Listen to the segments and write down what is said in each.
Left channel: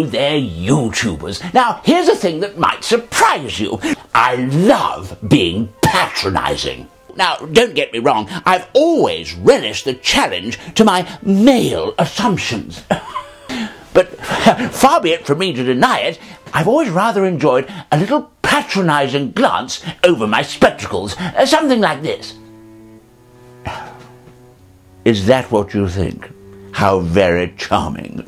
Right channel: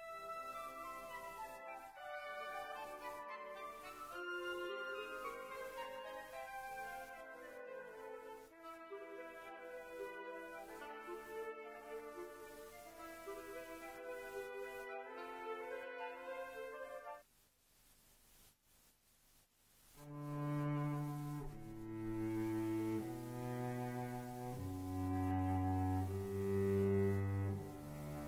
know they're YouTubers. Now, here's a thing that might surprise you. I love being patronising. Now, don't get me wrong, I've always relished the challenge to my male assumptions. But far be it from me to deny it, I've always rather enjoyed a little patronising glance over my spectacles, something like this. Is that what you think? How very charming.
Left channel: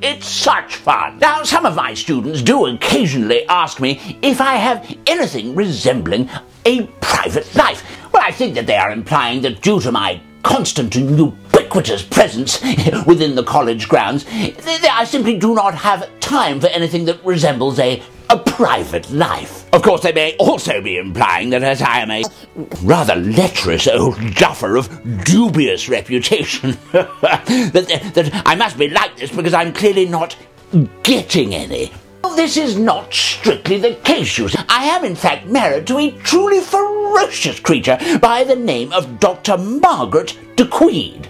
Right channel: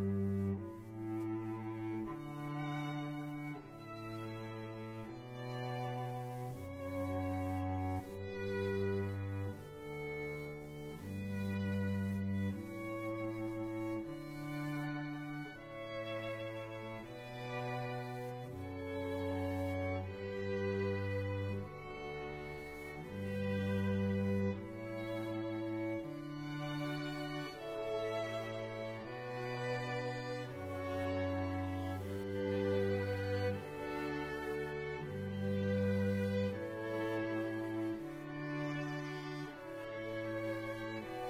It's such fun. Now, some of my students do occasionally ask me if I have anything resembling a private life. Well, I think that they are implying that due to my constant and ubiquitous presence within the college grounds, I simply do not have time for anything that resembles a private life. Of course, they may also be implying that as I am a rather lecherous old duffer of dubious reputation, that I must be like this because I'm clearly not getting any. Well, this is not strictly the case, you see. I am in fact married to a truly ferocious creature by the name of Dr. Margaret de Queed.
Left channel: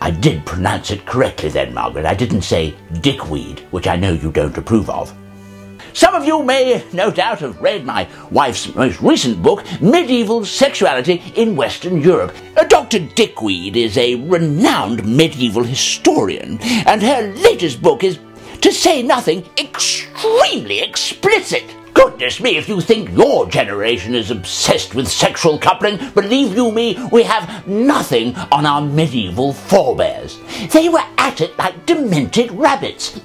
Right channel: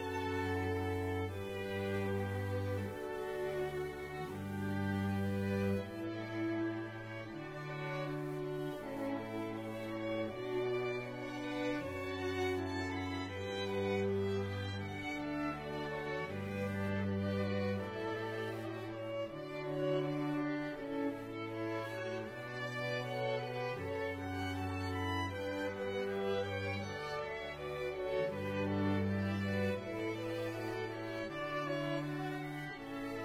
I did pronounce it correctly then, Margaret. I didn't say dickweed, which I know you don't approve of. Some of you may no doubt have read my wife's most recent book, Medieval Sexuality in Western Europe. Dr. Dickweed is a renowned medieval historian, and her latest book is, to say nothing, extremely explicit. Goodness me, if you think your generation is obsessed with sexual coupling, believe you me, we have nothing on our medieval forebears. They were at it like demented rabbits.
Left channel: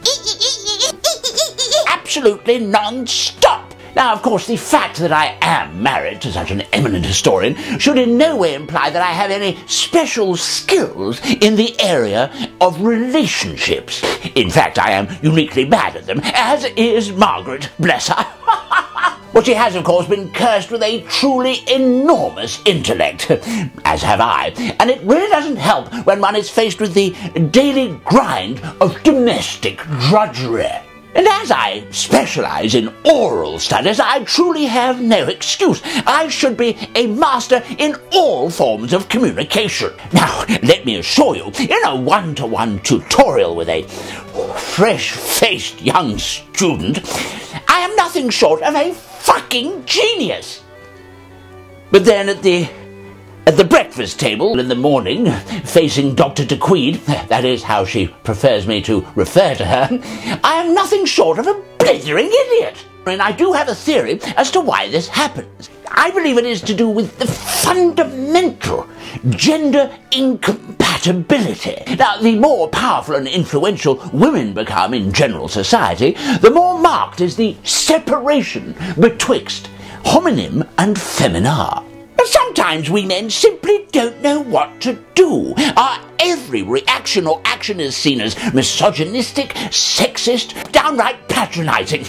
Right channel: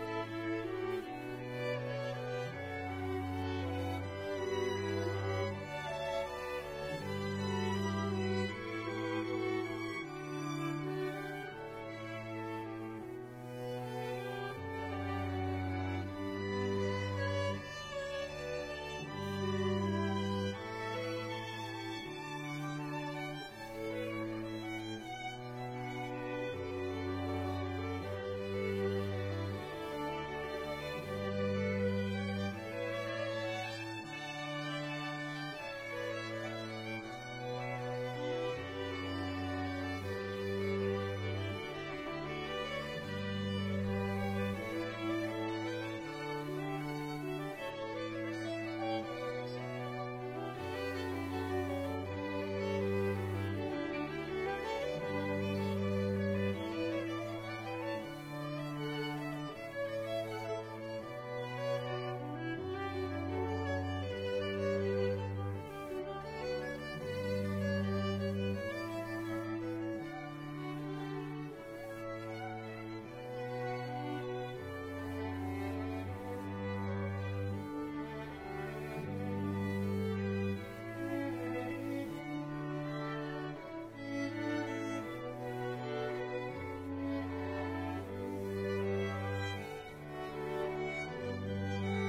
Absolutely non-stop. Now, of course, the fact that I am married to such an eminent historian should in no way imply that I have any special skills in the area of relationships. In fact, I am uniquely bad at them, as is Margaret, bless her. But she has, of course, been cursed with a truly enormous intellect, as have I, and it really doesn't help when one is faced with the daily grind of domestic drudgery. And as I specialise in oral studies, I truly have no excuse. I should be a master in all forms of communication. Now, let me assure you, in a one-to-one tutorial with a fresh-faced young student, I am nothing short of a fucking genius. But then at the breakfast table in the morning, facing Dr. de Queed, that is how she prefers me to refer to her, I am nothing short of a blithering idiot. And I do have a theory as to why this happens. I believe it is to do with the fundamental gender incompatibility. Now, the more powerful and influential women become in general society, the more marked is the separation betwixt homonym and feminar. Sometimes we men simply don't know what to do. Our every reaction or action is seen as misogynistic, sexist, downright patronising.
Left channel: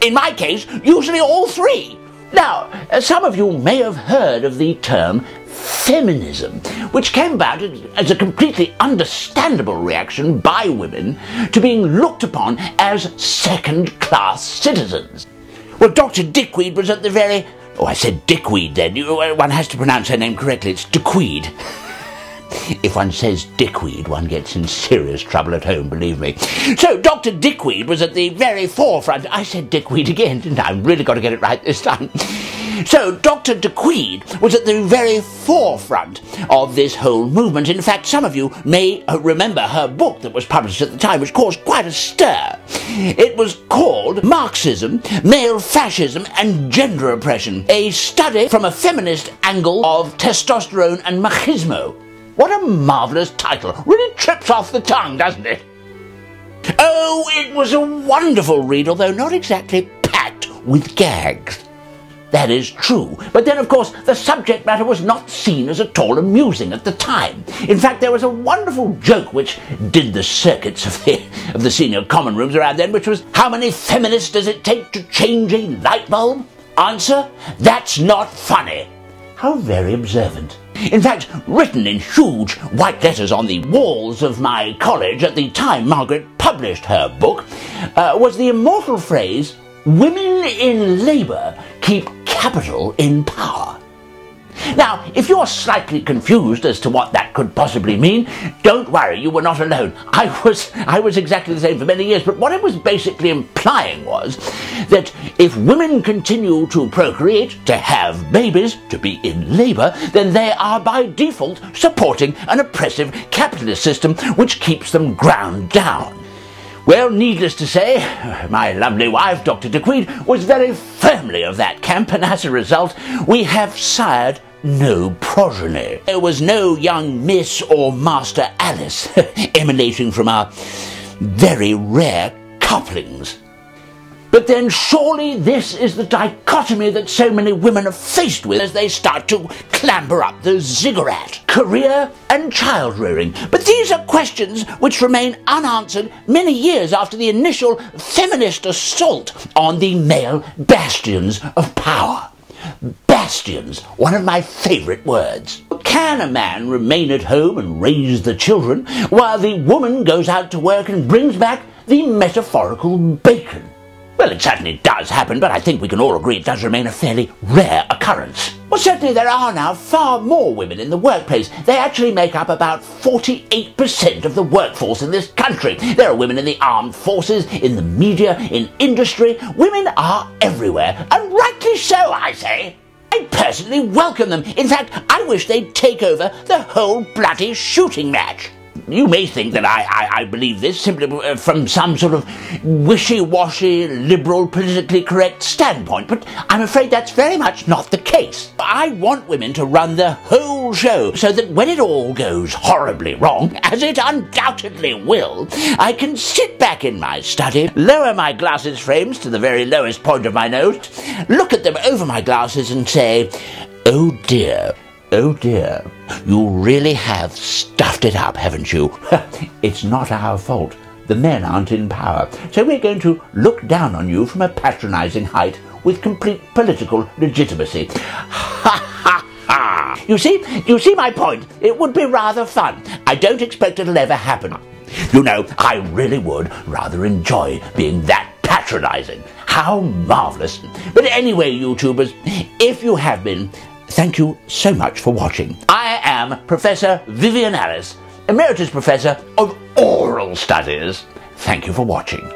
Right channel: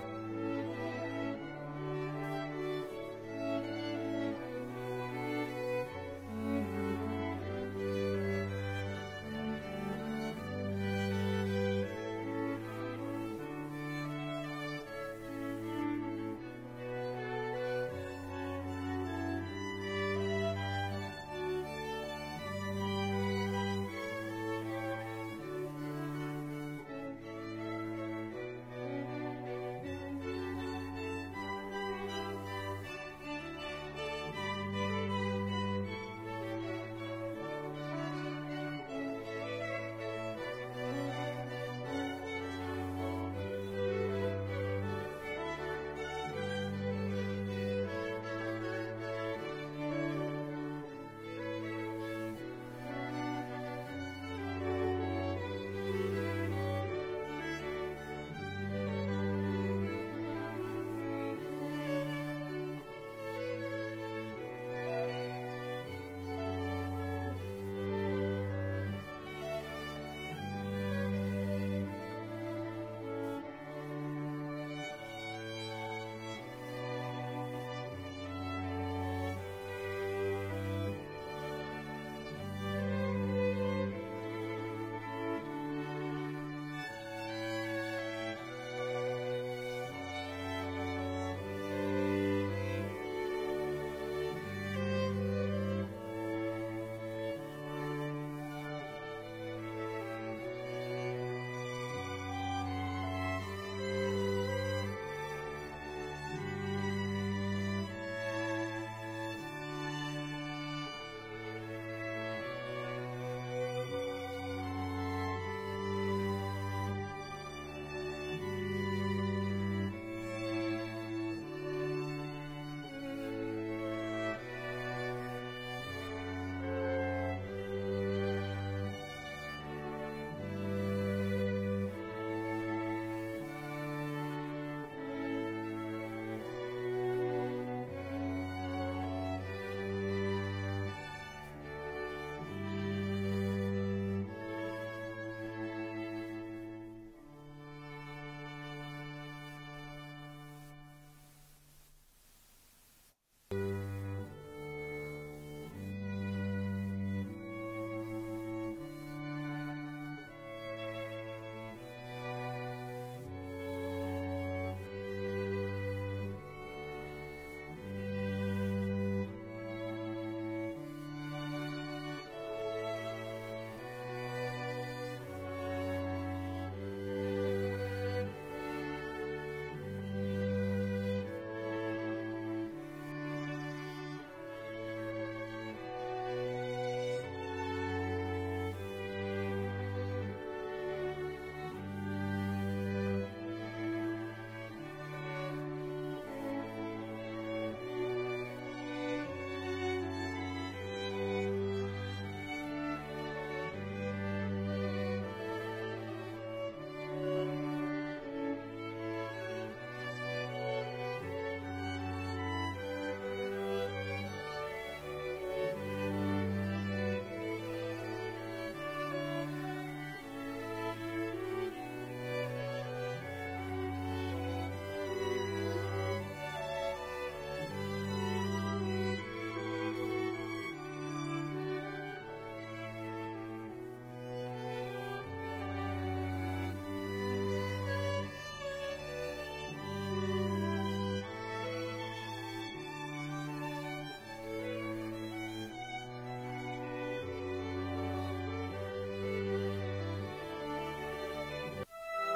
In my case, usually all three. Now, some of you may have heard of the term feminism, which came about as a completely understandable reaction by women to being looked upon as second-class citizens. Well, Dr. Dickweed was at the very... Oh, I said Dickweed then. One has to pronounce her name correctly. It's Dickweed. If one says Dickweed, one gets in serious trouble at home, believe me. So Dr. Dickweed was at the very forefront. I said Dickweed again, didn't I? I've really got to get it right this time. So Dr. Dickweed was at the very forefront of this whole movement. In fact, some of you may remember her book that was published at the time, which caused quite a stir. It was called Marxism, Male Fascism and Gender Oppression, a study from a feminist angle of testosterone and machismo. What a marvellous title. Really trips off the tongue, doesn't it? Oh, it was a wonderful read, although not exactly packed with gags. That is true. But then, of course, the subject matter was not seen as at all amusing at the time. In fact, there was a wonderful joke which did the circuits of the senior common rooms around then, which was, how many feminists does it take to change a light bulb? Answer, that's not funny. How very observant. In fact, written in huge white letters on the walls of my college at the time Margaret published her book, was the immortal phrase, women in labour keep capital in power. Now, if you're slightly confused as to what that could possibly mean, don't worry, you were not alone. I was exactly the same for many years, but what it was basically implying was that if women continue to procreate, to have babies, to be in labour, then they are by default supporting an oppressive capitalist system which keeps them ground down. Well, needless to say, my lovely wife, Dr. DeQueen, was very firmly of that camp, and as a result, we have sired no progeny. There was no young Miss or Master Alice emanating from our very rare couplings. But then surely this is the dichotomy that so many women are faced with as they start to clamber up the ziggurat. Career and child-rearing. But these are questions which remain unanswered many years after the initial feminist assault on the male bastions of power. Bastions, one of my favourite words. Can a man remain at home and raise the children while the woman goes out to work and brings back the metaphorical bacon? Well, it certainly does happen, but I think we can all agree it does remain a fairly rare occurrence. Well, certainly there are now far more women in the workplace. They actually make up about 48% of the workforce in this country. There are women in the armed forces, in the media, in industry. Women are everywhere, and rightly so, I say. I personally welcome them. In fact, I wish they'd take over the whole bloody shooting match. You may think that I believe this simply from some sort of wishy-washy, liberal, politically correct standpoint, but I'm afraid that's very much not the case. I want women to run the whole show so that when it all goes horribly wrong, as it undoubtedly will, I can sit back in my study, lower my glasses frames to the very lowest point of my nose, look at them over my glasses and say, "Oh dear. Oh dear, you really have stuffed it up, haven't you? It's not our fault. The men aren't in power, so we're going to look down on you from a patronising height with complete political legitimacy." Ha ha ha! You see my point? It would be rather fun. I don't expect it'll ever happen. You know, I really would rather enjoy being that patronising. How marvellous. But anyway, YouTubers, if you have been, thank you so much for watching. I am Professor Vivian Alice, Emeritus Professor of Oral Studies. Thank you for watching.